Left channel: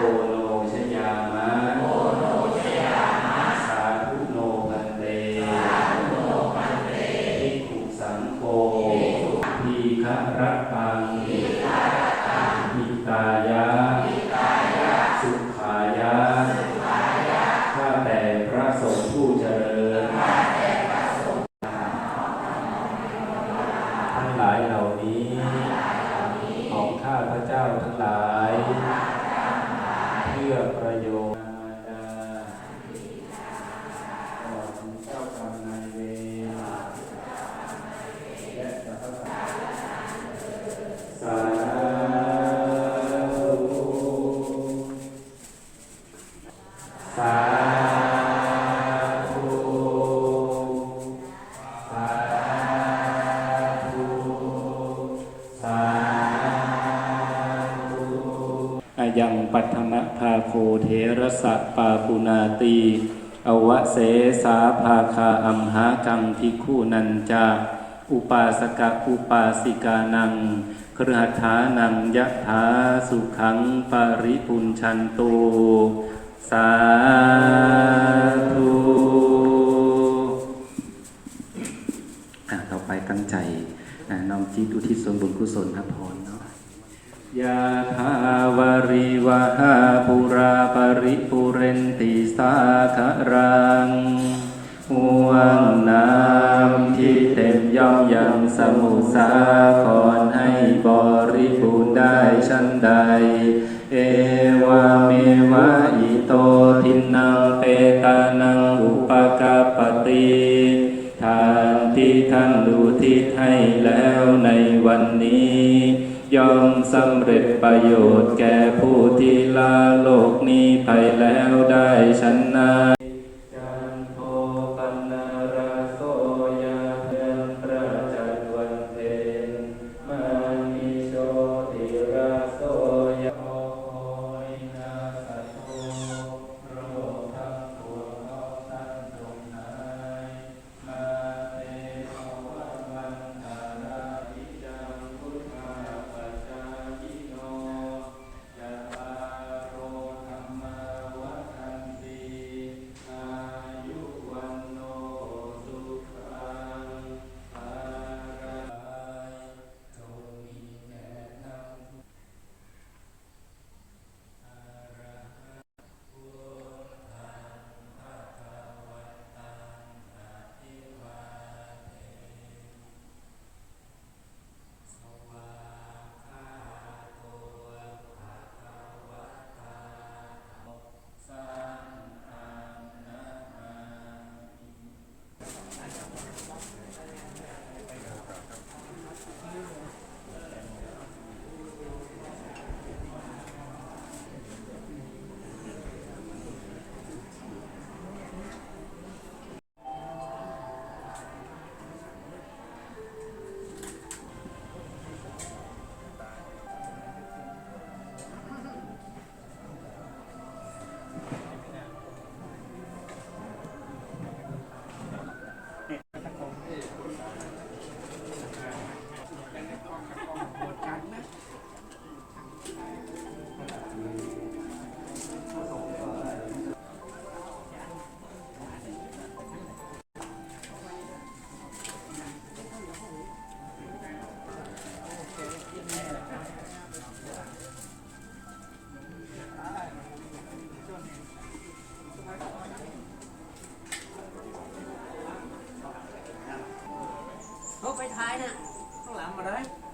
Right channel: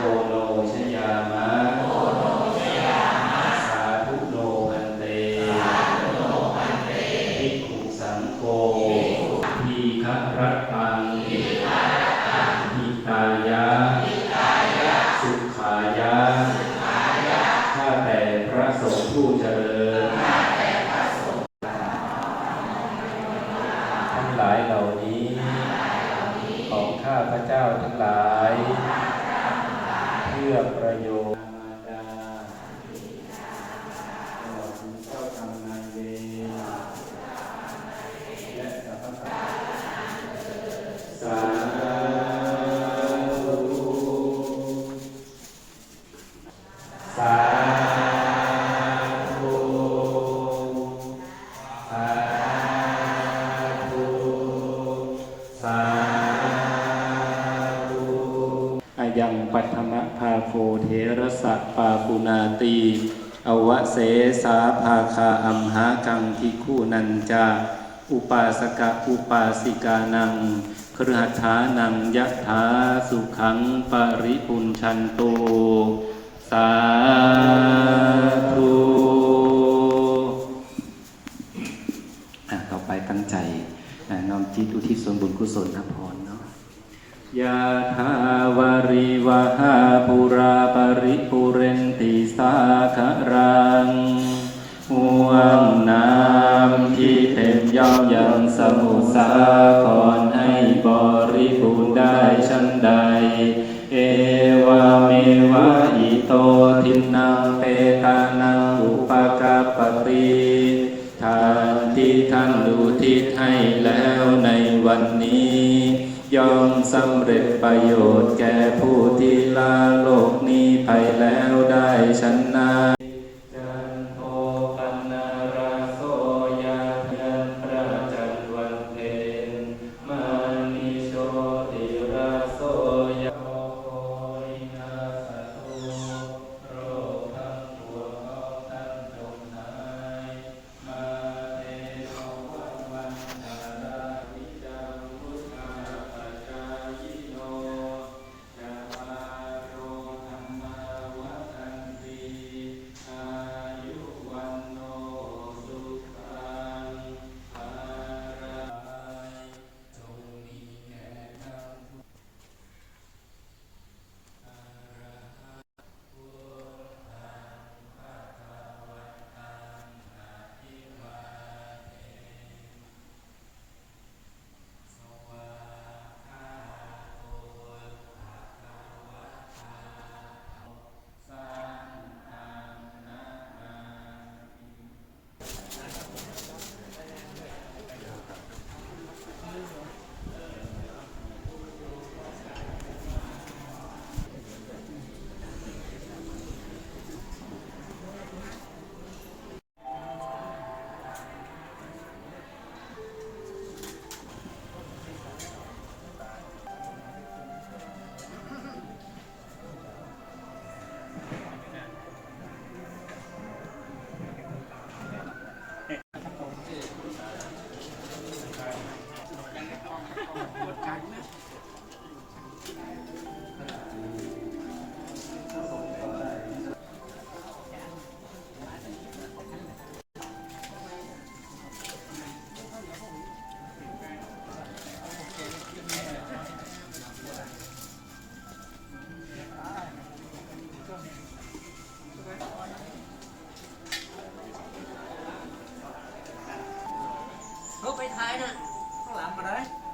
โกโนชยามะสาธุโนพันเตภิกขุสังโฆทีฆะรัต ยังปัทมะภาโคเทระสัพปาปุนาตีอวะเสสาภาคาอัมหากังทิคู่นันจาอุปาสกะอุปาสิกานังครหัตถานังยะถาสุขังปริปุญชันโต สาธุอะต่อไปตั้งใจน้อมจิตอุทิศส่วนบุญกุศลครับผมเนาะยาทาวาริ วหาปุราปริปุเรนติสาคารังห่วงน้ำที่เต็มย่อมยังสมุสา สำเร็จประโยชน์แก่ผู้ที่ลา ไปท้ายนะข้างหลังมาได้